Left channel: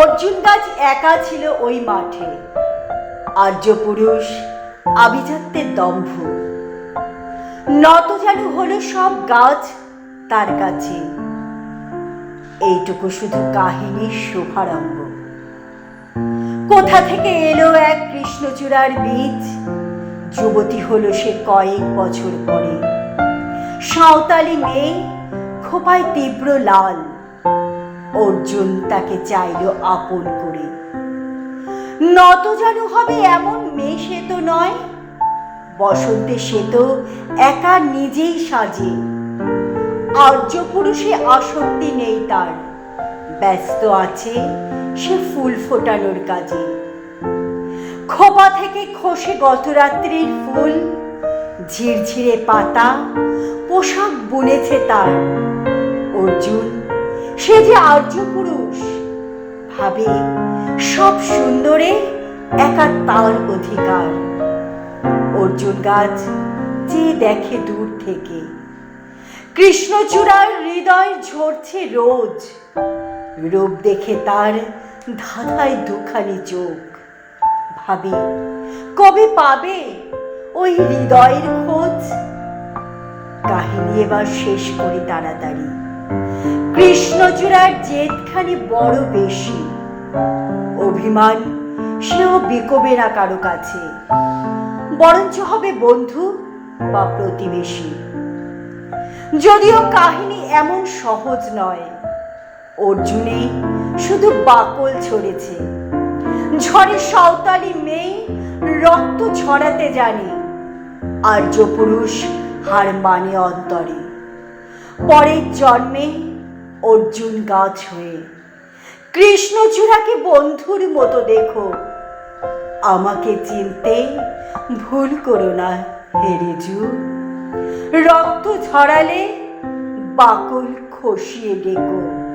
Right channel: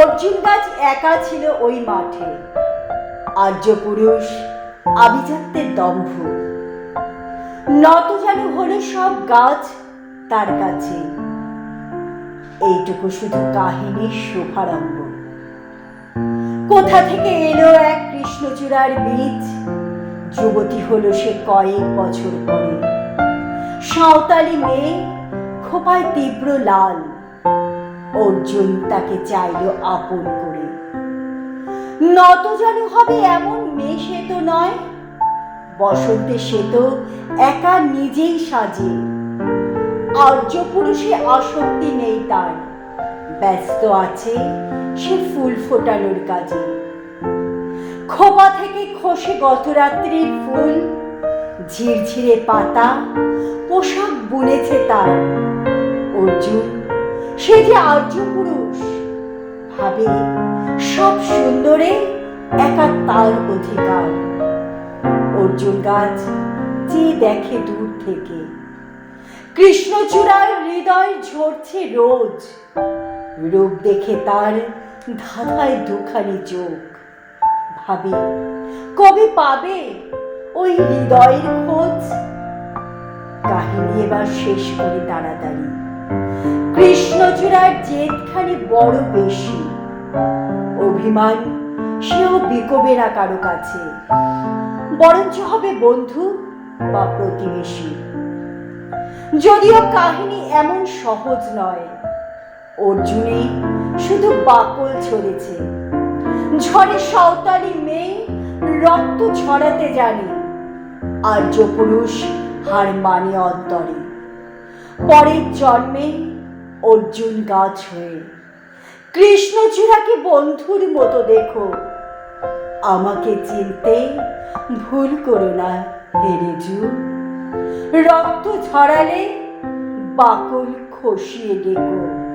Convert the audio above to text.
অর্জুন গাছ একা ছিল ওই মাঠে। আর্য পুরুষ আভিজাত্যের দম্ভ। নত যেন হলো সব গাছ তার কাছে। এইটুকু শুধু কাহিনীর শুভারম্ভ। কোথা থেকে এলো এক কৃষ্ণচূড়ার বীজ, যুবতী হলো সে কয়েক বছর পরে। সাঁওতালি মেয়ে, খোপায় তীব্র লাল। অর্জুন তাকে চাইল আপন করে। নত যেন হবে এমন মেয়ে সে তো নয়। বসন্তে সে তো একা নিজেই সাজে। আর্য পুরুষে আসক্তি নেই তার, ব্যস্ত আছে সে ফুল ফোটানোর কাজে। খোপা থেকে খসে গত রাত্রির ফুল, ঝিরঝিরে পাতা, পোশাক বুনেছে তার। অর্জুন সে যে আর্য পুরুষ, ভাবে সব সুন্দরে একা তার অধিকার। অর্জুন গাছ যে দেখে দূর থেকে, কৃষ্ণচূড়ার হৃদয় ঝরছে রোজ। রূপ দেখে তার ধাঁধায় দুখানি চোখ, ভাবে কবে পাবে ওই হৃদয়ের খোঁজ। কাহিনী এবার শেষ করে তাড়াতাড়ি। কৃষ্ণচূড়ার জেদখানি বড় বেশি। অভিমান সেও বিকবে না কারো কাছে, বরঞ্চ হবে বন্ধু বা প্রতিবেশী। যদিও কাহিনী এমন সহজ নয়, অর্জুনে শুধু বাকল ছড়েছে। ঝড়ে সাঁওতালি মেয়ে রক্ত ছড়াতে জানে, আর্য পুরুষ হার মানে অন্তরে। পরের জন্মে অর্জুন গাছ হয়ে কৃষ্ণচূড়াকে বন্ধুর মতো দেখো। আমাকে চিনতে ভুল করো না হে রেজু। রক্ত ঝরালে বাকল খসিয়ে ডেকো।